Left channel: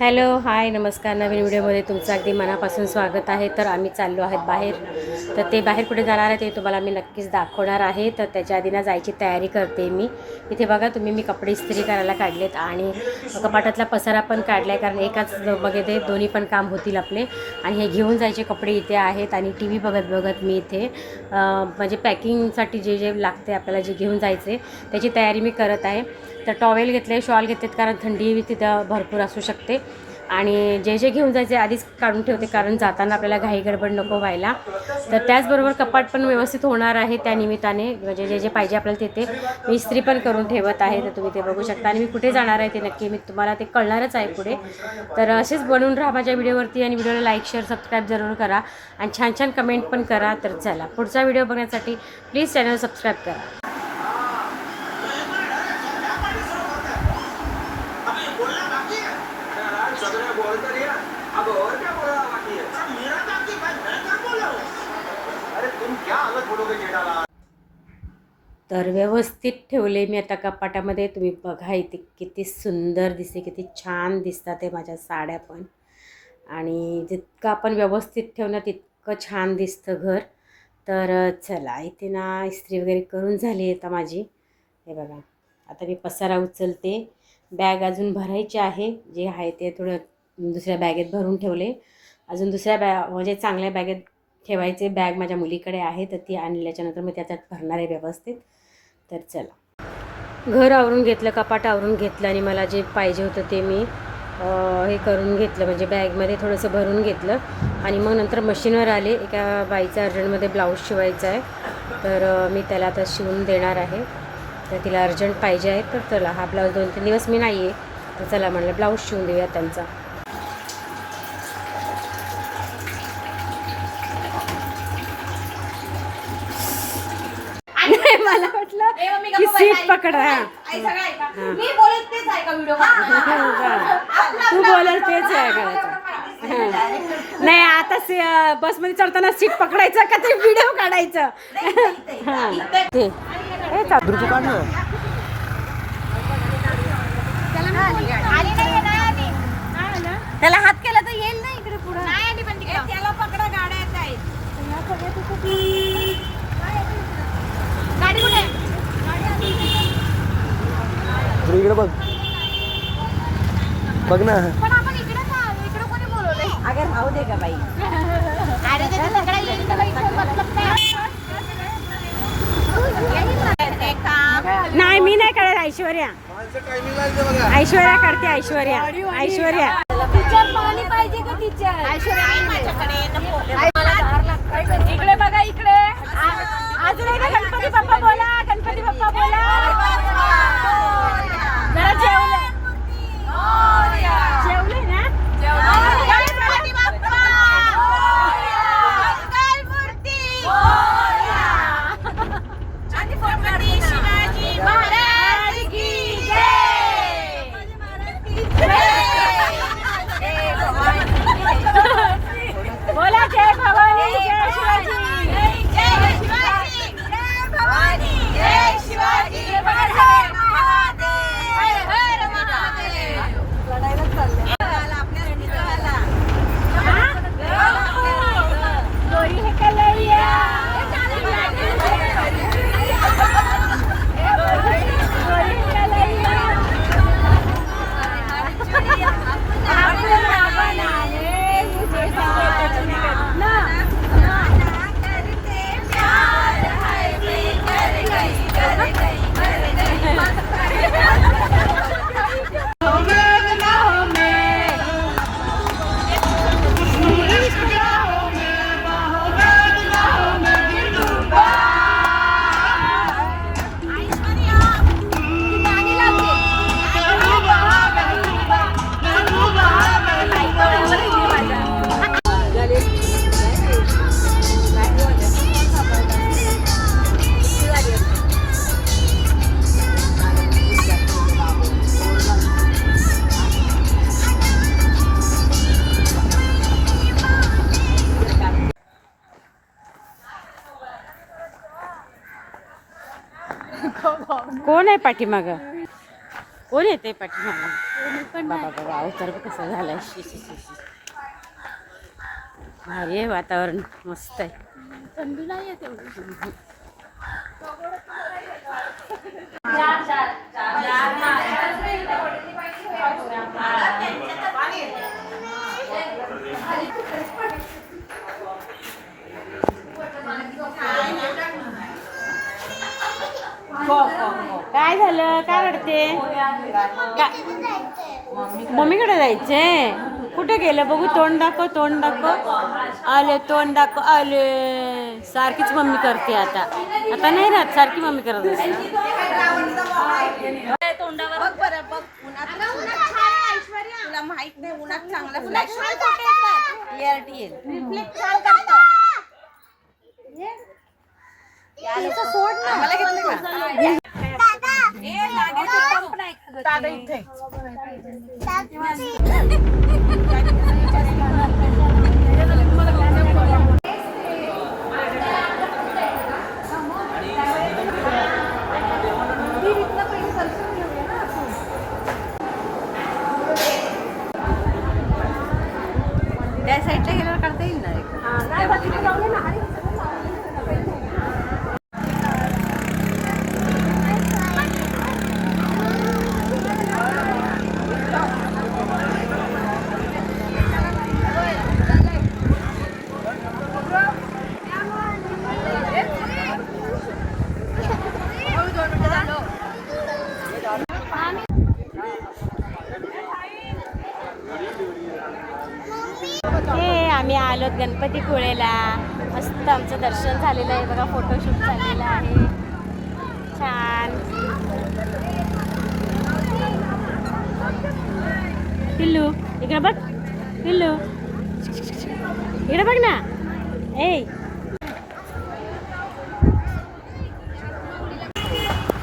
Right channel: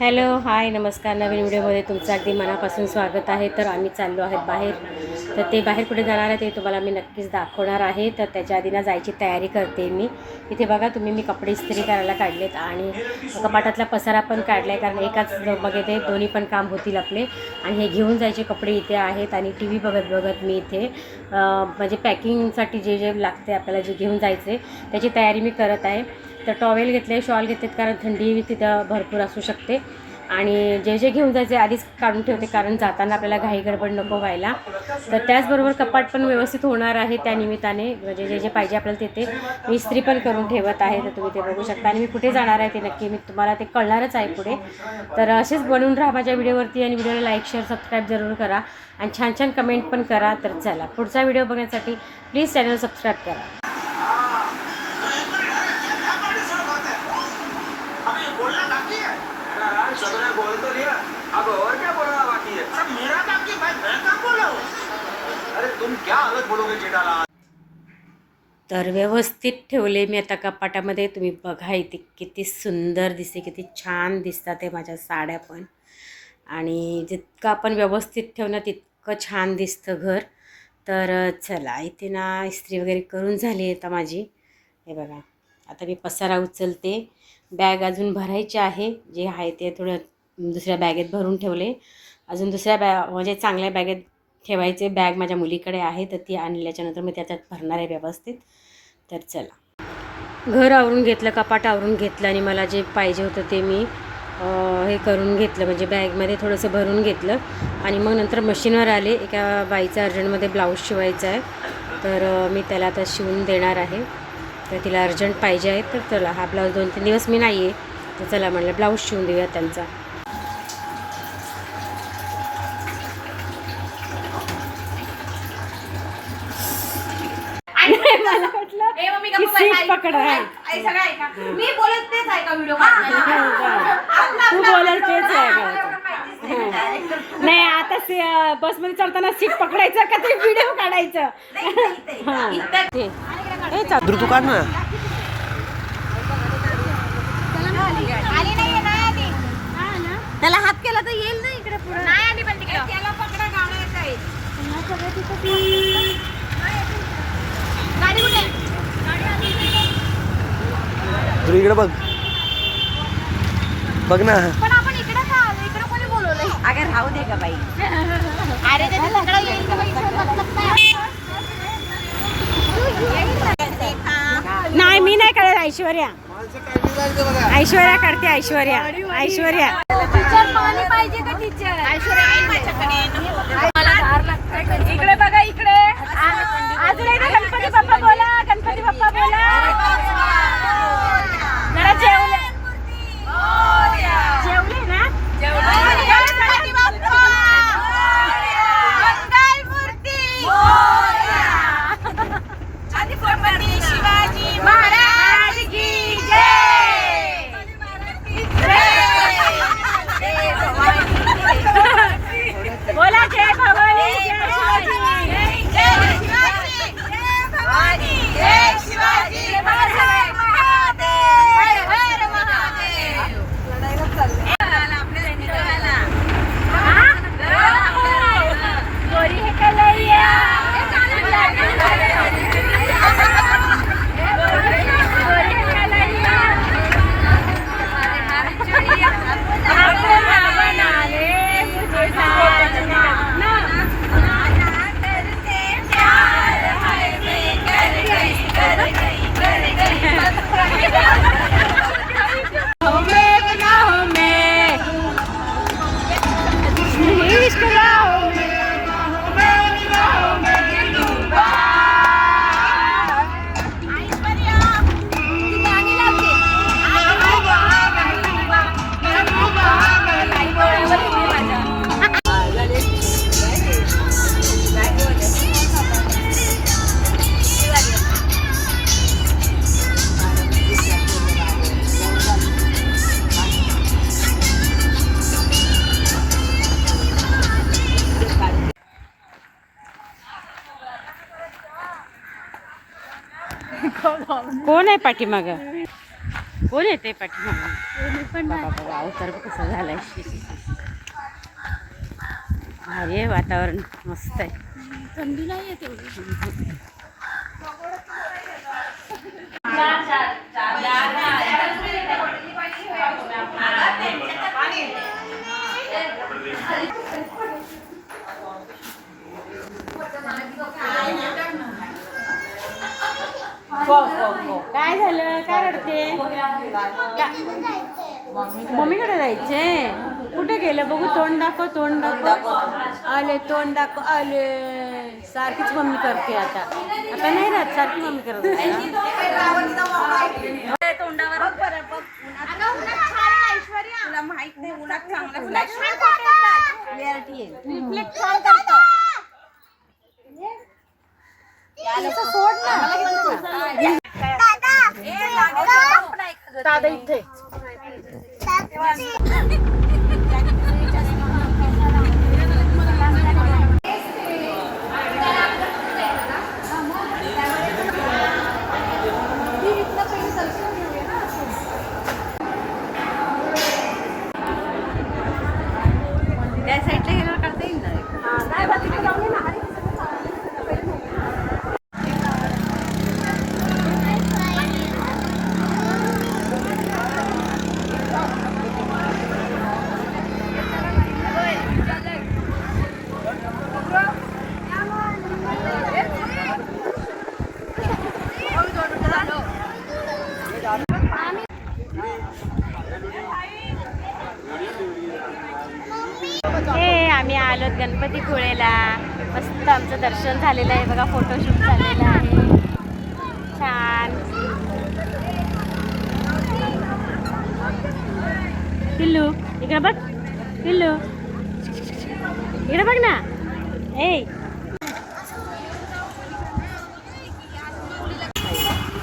Hello hi नमस्कार. नवीन व्हिडिओमध्ये तुमचं अगदी मनापासून स्वागत आहे. तर आम्ही चाललो आहेत बाहेर. तर ते बाहेर कुठे जाणार आहे ते तुम्हाला मी नक्कीच दाखवणार आहे. तर त्याच्या आधी ना जायची तयारी करते मी. इथे बघा तुम्ही, मी कपडे इस्त्री करायला काढलेत आणि कपाटातला पसारा पण काढला आहे, कारण एकाच बघे ते दोन्ही पण काम होतील आपले. आणि हे घेऊन जायचे कपडे इथे आहेत आणि टी व्ही बघत बघत मी इथे म्हणजे पॅकिंगसाठी जे जे लागते आपल्याला, जे घेऊन जायचे त्याची तयारी मी करत आहे. तर टॉवेल घेतले, शॉल घेतलेत, कारण थंडी तिथं भरपूर असू शकते. आणि जे जे घेऊन जायचे आधीच काढून ठेवते, कारण जाताना आपल्याला घाई गडबड नको व्हायला. तर त्याचबरोबर कपाट पण व्यवस्थित होणार आहे त्या निमित्ताने, म्हणजे जे जे पाहिजे आपल्याला ते मी इस्त्री पण करून ठेवत आहे. तर तुम्ही ते बघू शकता. आणि मी कुठे जाणार आहे ते नक्की मी तुम्हाला ते कळणारच आहे पुढे. तर असेच बनवून राहा माझ्या व्हिडिओवरती आणि व्हिडिओला लाईक शेअर सबस्क्राईब जरूर करा आणि छान छान कमेंट पण करा. तर चला, पुढचा व्हिडिओ बघण्यासाठी प्लीज चॅनल सबस्क्राईब करा. तर व्यवस्थित ठेवले मी आता कपाटामध्ये. तुम्ही बघा इथे किती सुंदर दिसते, किती छान दिसतात ते माझ्या साड्या पण. आणि जितकं आपण व्यवस्थित ठेवणं तितकं छान दिसतं घर. तर चला, इथे ना इस्त्री वगैरे करून झाली आहे आता माझी. हे बघा, आता मी पसारा उचलते. बॅग अजून भरायची आहे, जे आहे ते थोडं दुसऱ्या बॅगेत भरून ठेवले. अजून दुसऱ्या म्हणजे चांगल्या बॅगेत ठेवायचे. बॅग माझ्या मुलीकडे आहे, तर ती आणल्याच्यानंतर मी त्याच्यात भरणार आहे व्यवस्थित. तर चला, घर आवरून घेतलं, कपाट आवरून घेतलं आणि मला जे पाहिजे होतं ते मी हे करून घेतलं, म्हणजे बॅगमध्ये थोडंसं भरून घेतलं. आणि मग नंतर मशीनवर आले. एका बाईचा अर्जंटमध्ये ब्लाऊज शिवायचा आहे, तर मी त्याला आता शिवून देणार आहे. तर तिला अर्जंट पाहिजे आहे. तर चला, हा ब्लाऊज 2-3 दिवस मी नाही आहे, तर चला म्हणलं ब्लाऊज शिवून देऊया त्यांचा. मला वाटलं की सीट पकडा. मी बोलत तेच आहे का व्हिडिओ? तू बोलाल तेच आहे का? नाही, आता बसमध्ये चढताना सीट पकडायचं का ते व्हिडिओ काढायचं? ते तू काढ ना. त्याला हात केला तर येईल ना इकडे पुढे. नाही आली पण त्याला पकडा, गाड्या काय गाडी कुठे? तू इकडे बघ, बघ ना. पण आपण इकडे का आलो? इकडे कोणी बोलवलंय? अगं राहू दे का बाई. अरे ते तिकडे येईल तर बाई, मतलब काय? नाही, मी नाही काढत. ऐश्वर्या काढते. ऐश्वर्या टीचर पाणी पाहिजे का टीचर? इकडे बघा, इकडे अजून एकदा गणपती बाप्पा बोला, गणपती बाप्पा बोला. जरा जेवले ना? शिवाजी महाराज की जय. बोला जय भवानी, जय शिवाजी. कोण आहे पाठीमागं? कोण येते पाठीमागे? बाबा बाबा अवतार बघ कसा झालाय. भारी आहे वातावरण, मस्त आहे. थंडी नाही येते. काय झालं? काय रडते? मम्मीकडे जायचंय. कुठे गेलं बघू? तोंड दाखव, तोंड दाखव. आले, तोंड दाखव. आले. सारखीच मम्मी करते आता. आता नाही राहत, सारखी मम्मी करत असते. तोंडावर बघ बरं, बघ उन्हात तुला माहित नाही उन्हात चांगलं रिफ्लेक्ट छान करतं. सोड ना मला घेतलं का? दादा इथे त्या साईडला गेल्यावर करता येईल ना. आम्ही आलोत गणपतीपुळेला. मस्त आमचं दर्शन झालेलं आहे बघा. फोटोशूट झालेलं आहे छान. पिल्लू इकडे बघ, पिल्लू इकडे बघ ना. ए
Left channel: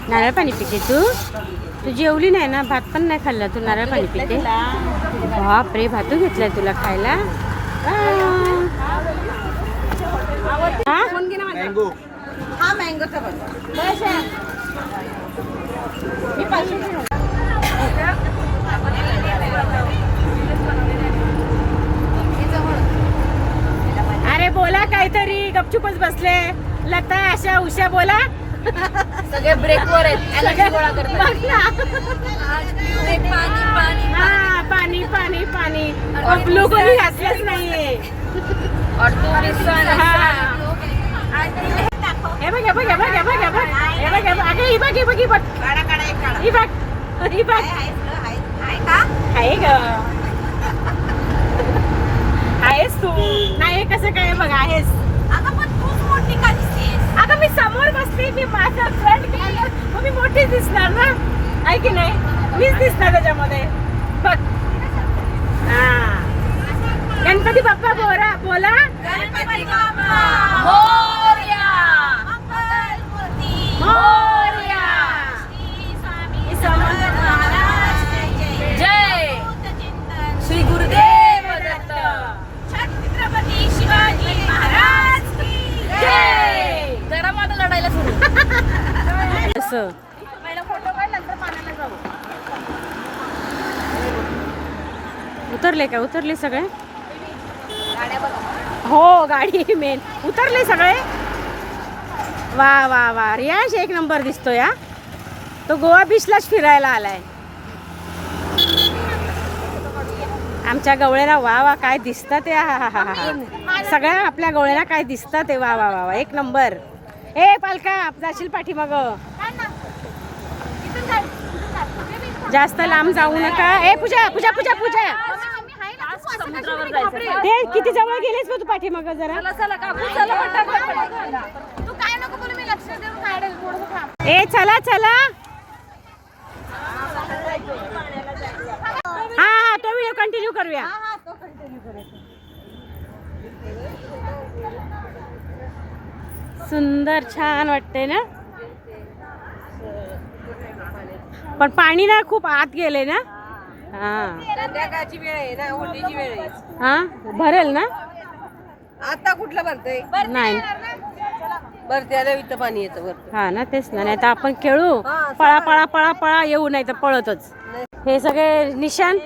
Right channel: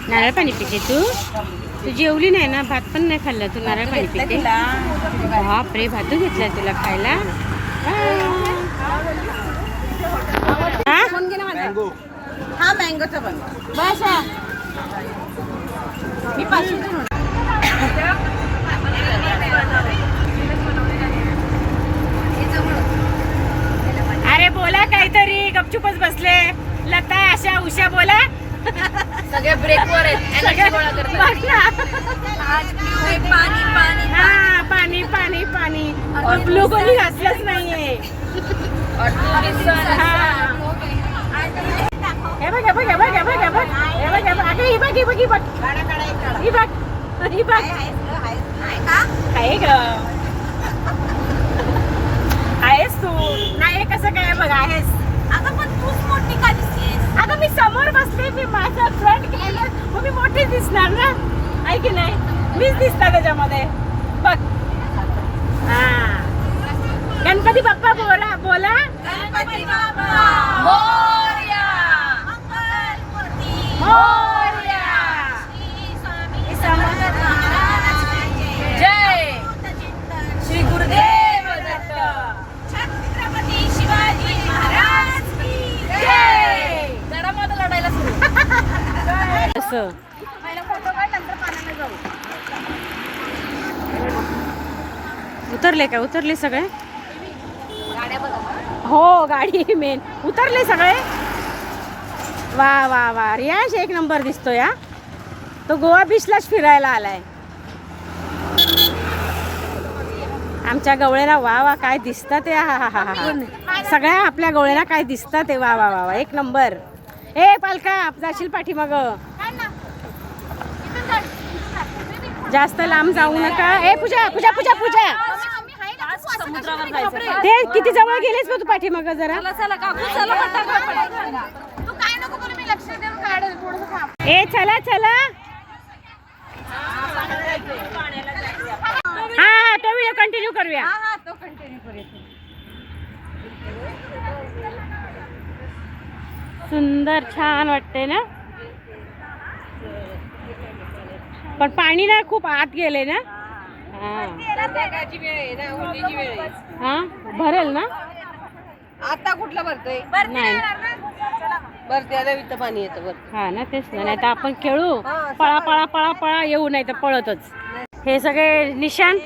नारळ पाणी पिते तू जेवली नाही ना, भात पण नाही खाल्ला तू, नारळ पाणी पिते. बापरे, भातू घेतलाय तुला खायला. हा मँगोचा पण मी अरे बोला काहीतरी, गपचूपच बसले. लता, आशा, उषा बोला. सगळे ब्रेकवर आहेत. हा पाणी पाणी पाणी. ग्लुकोज घातलंच नाहीये. हे बघ, हे बघ, हे बघ, हे बघ, हे बघ, हे बघ, हे बघ. अगं ही बघ, ही बघ, ही बघ, ही बघ, ही बघ. आहे ग, आहेस तू. नाही कसं काय बघ, आहेस. अगं पण तूच मोठी का दिसतेस? अगं मी समोर बसते, मी माझा फ्रंट कॅमेरा, मग मी मोठी दिसणार ना, आहे की नाही? मीच दिसणार त्याच्यामध्ये बघ. हा गणपती बाप्पा बोला बोला. गणपती बाप्पा मोरया. मंगलमूर्ती मोरया. श्री स्वामी समर्थ महाराज की जय. श्री गुरुदेव दत्त. छत्रपती शिवाजी महाराज की जय. जरा मला लढायला सुरू. असं पहिला फोटो काढ, नंतर पाण्याला जाऊ. उतरले का? उतरले सगळे? गाड्या बघा मला. हो गाडी मेन. उतरले सगळे? वा वा वा, रियाश एक नंबर दिसतोय. हा तो गोवा बीचलाच फिरायला आलाय. आमच्या गवळ्याला वा वा काय दिसतात ते. हा हा हा हा, सगळ्या आपल्या गवळ्याला काय दिसतात ते. वा वा वा वा, एक नंबर. ए पालका, जाशील पाठीमाग. जास्त लांब जाऊ नका. ए पूजा पूजा पूजा पूजा, समुद्रावर जायचं. ते किती जवळ गेलेस का तू पाठीमाग जरा. तू काय नको करू, मी लक्ष देऊन काढेल थोडंसं थांब. ए चला चला. हा हा, तो व्हिडिओ कंटिन्यू करूया. हा तो कंटिन्यू करूया. सुंदर छान वाटते ना, पण पाणी ना खूप आत गेले ना. हा संध्याकाळची वेळ आहे ना, उन्हाची वेळ आहे. हा भरेल ना. आता कुठलं भरतंय? नाही बरं त्याला इथं पाणी येतं बरं. हा ना तेच ना, नाही तर आपण खेळू पळा पळा पळा पळा येऊ, नाही तर पळतच. हे सगळे निशाण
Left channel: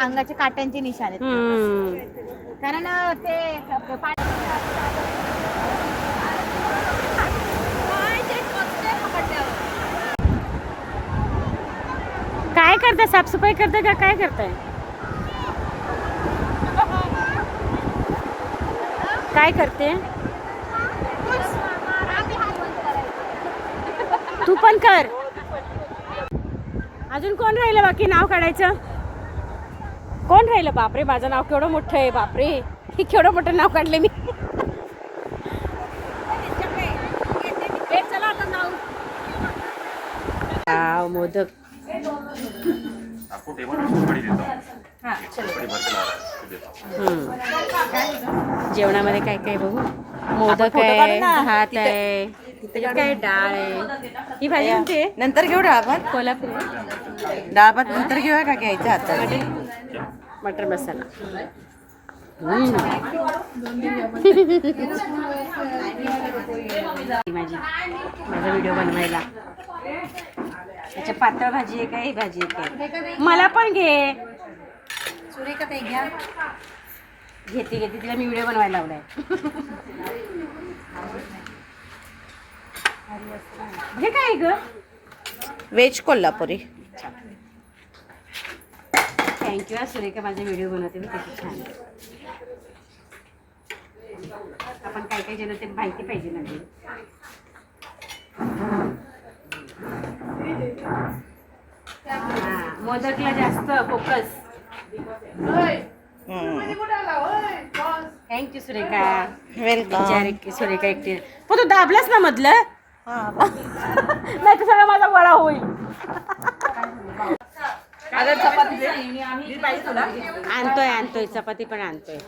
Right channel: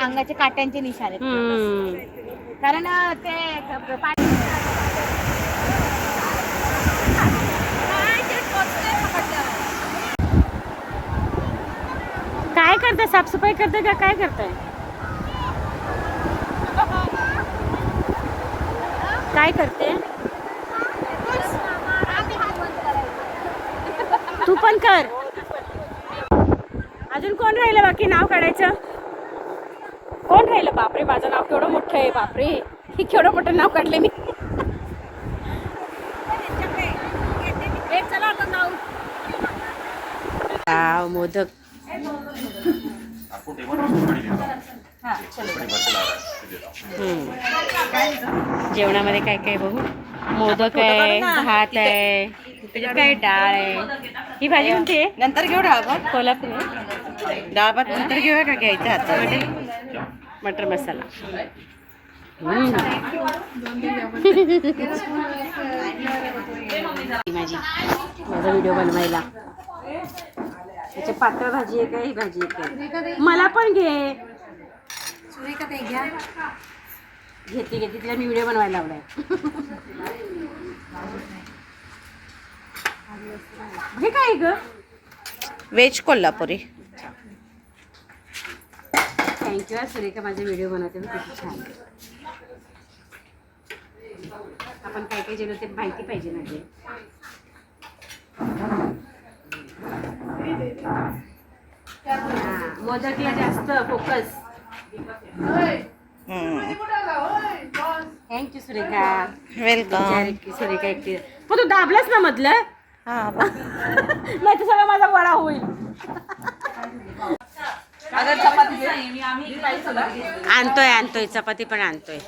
अंगाचे काट्यांचे निशाण आहेत. कारण ते काय करताय, साफसफाई करताय का काय करताय? काय करते तू? पण कर. अजून कोण राहिलं बाकी नाव काढायचं? कोण राहिलं? बापरे माझं नाव केवढं मोठं आहे. बापरे हे केवढं मोठं नाव काढले मी. मोदक जेवणामध्ये काय काय बघू. मोदक आहे, भात आहे, काय डाळ आहे. ही भाजी कोणती आहे? नंतर घेऊ डाळ भात. कोल्हापूर डाळ भात नंतर घेऊया का घ्यायच्या हातात? मटर मसाला. माझा व्हिडिओ बनवायला. त्याच्या पातळ भाजी आहे का ही भाजी आहे काय? मला पण घे. घेते घेते तिला मी व्हिडिओ बनवायला लावलाय. हे काय ग? व्हेज कोल्हापुरी. थँक्यू सुरेखा, माझे व्हिडिओ बनवते मी किती छान. आपण काय काय जेवण ते माहिती पाहिजे ना ते. मोदकला जास्त focus. Thank you Surekha. Welcome. Surekha एकटी. पण तू दाबलास ना मधलं? नाही तर सगळं माझा वडा होईल. आणतोय आणतोय चपाती पण आणतोय.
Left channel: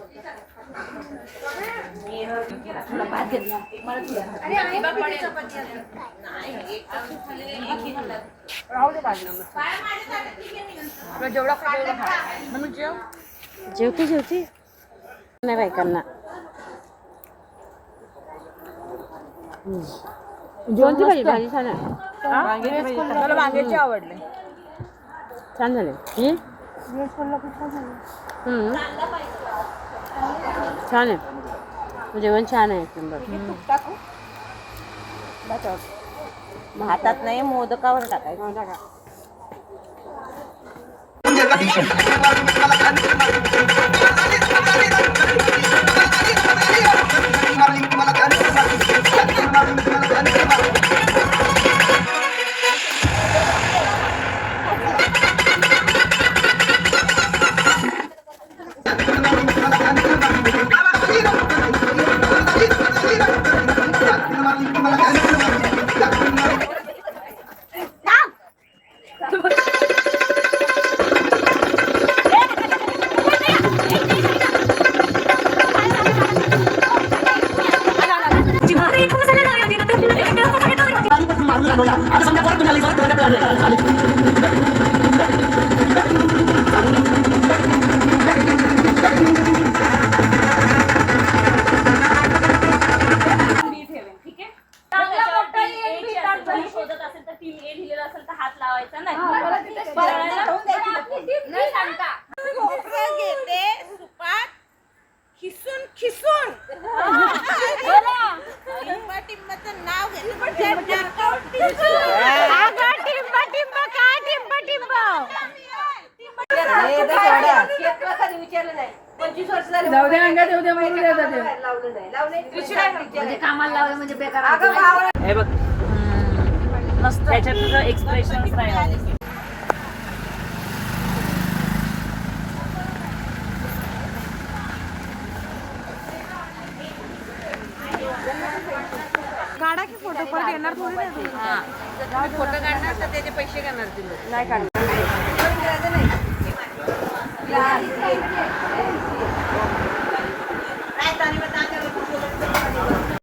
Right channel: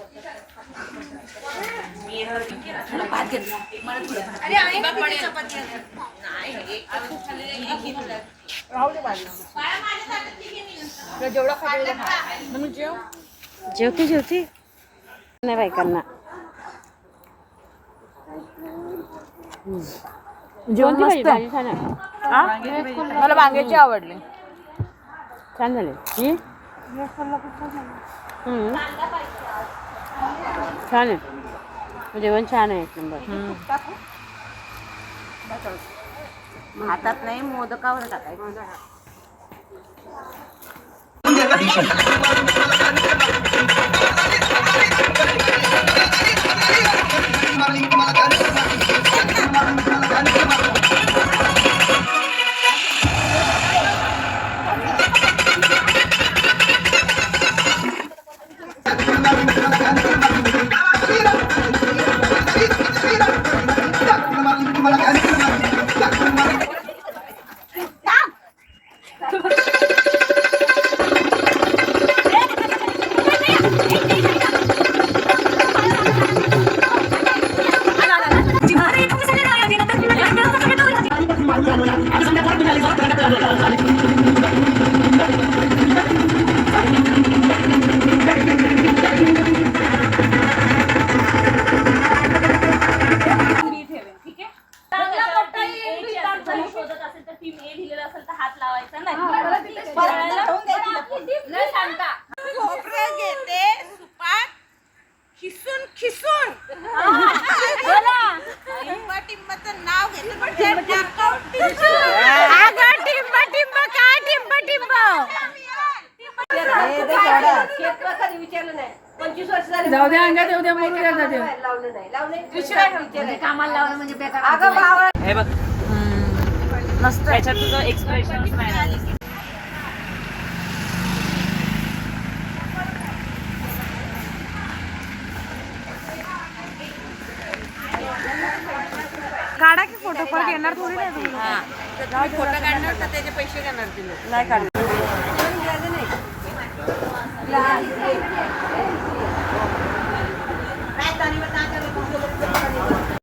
जेवते जेवते नाही बायकांना. जेवणची भाजी भाजी छान आहे. मला वांग्याची आवडली. छान झाले. छान आहे जेवण, छान आहे एक नंबर. भातात नाही मोदकावर टाकायचं. हे बघ मस्त. त्याच्यात तुझं एक्सप्रेशन नाही. काढा की फोटो, पण घेणार थोडी नाही तुम्ही. फोटो काढणार तर त्याचे पैसे घेणार तुम्ही? नाही काढणार. काय